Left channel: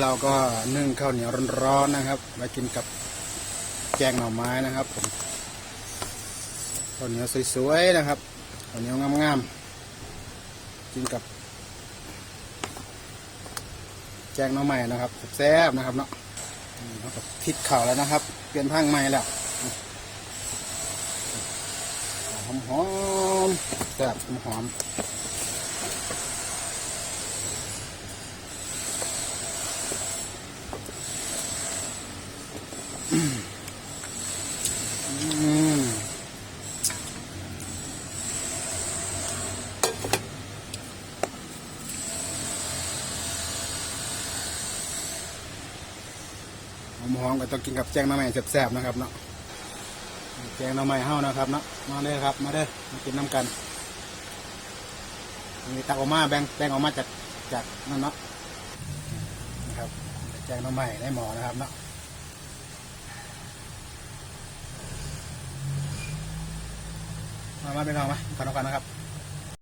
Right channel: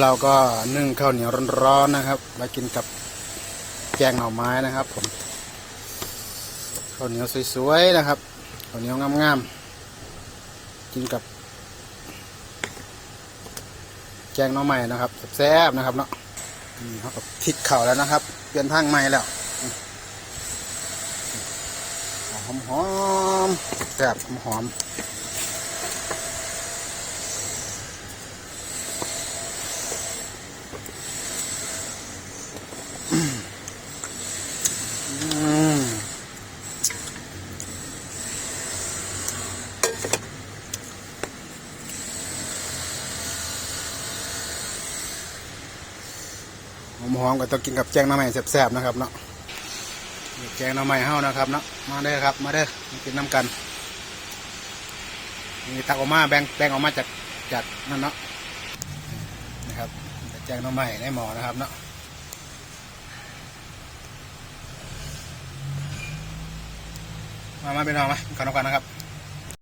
เราก็นึ่งข้าวเหนียวร้อนๆนะครับมากินกับแกงหน่อไม้นะครับผมข้าวเหนียวสวยๆนะครับข้าวเหนียวงามๆกินกับแกงหน่อไม้นะครับแซ่บๆนะครับเนาะอืมเขากับพริกเข่าแล้วนะครับเปลี่ยนพังใหม่แล้วหอมหอมๆแซ่บหอมๆ หอมๆก็ต้องกินกับแกงน้ำใหม่แซ่บๆนะครับเนาะแกงน้ำใหม่เฮานะครับเนาะมาเด้อครับ มาเด้อมากินน้ำกันมีตักออกมาแบ่งแบ่งออกมาจากจากนั่นเนาะนะครับแกงน้ำใหม่ในหมอนะครับเนาะ มามาไปลองไหมกันแล้วกันนะครับ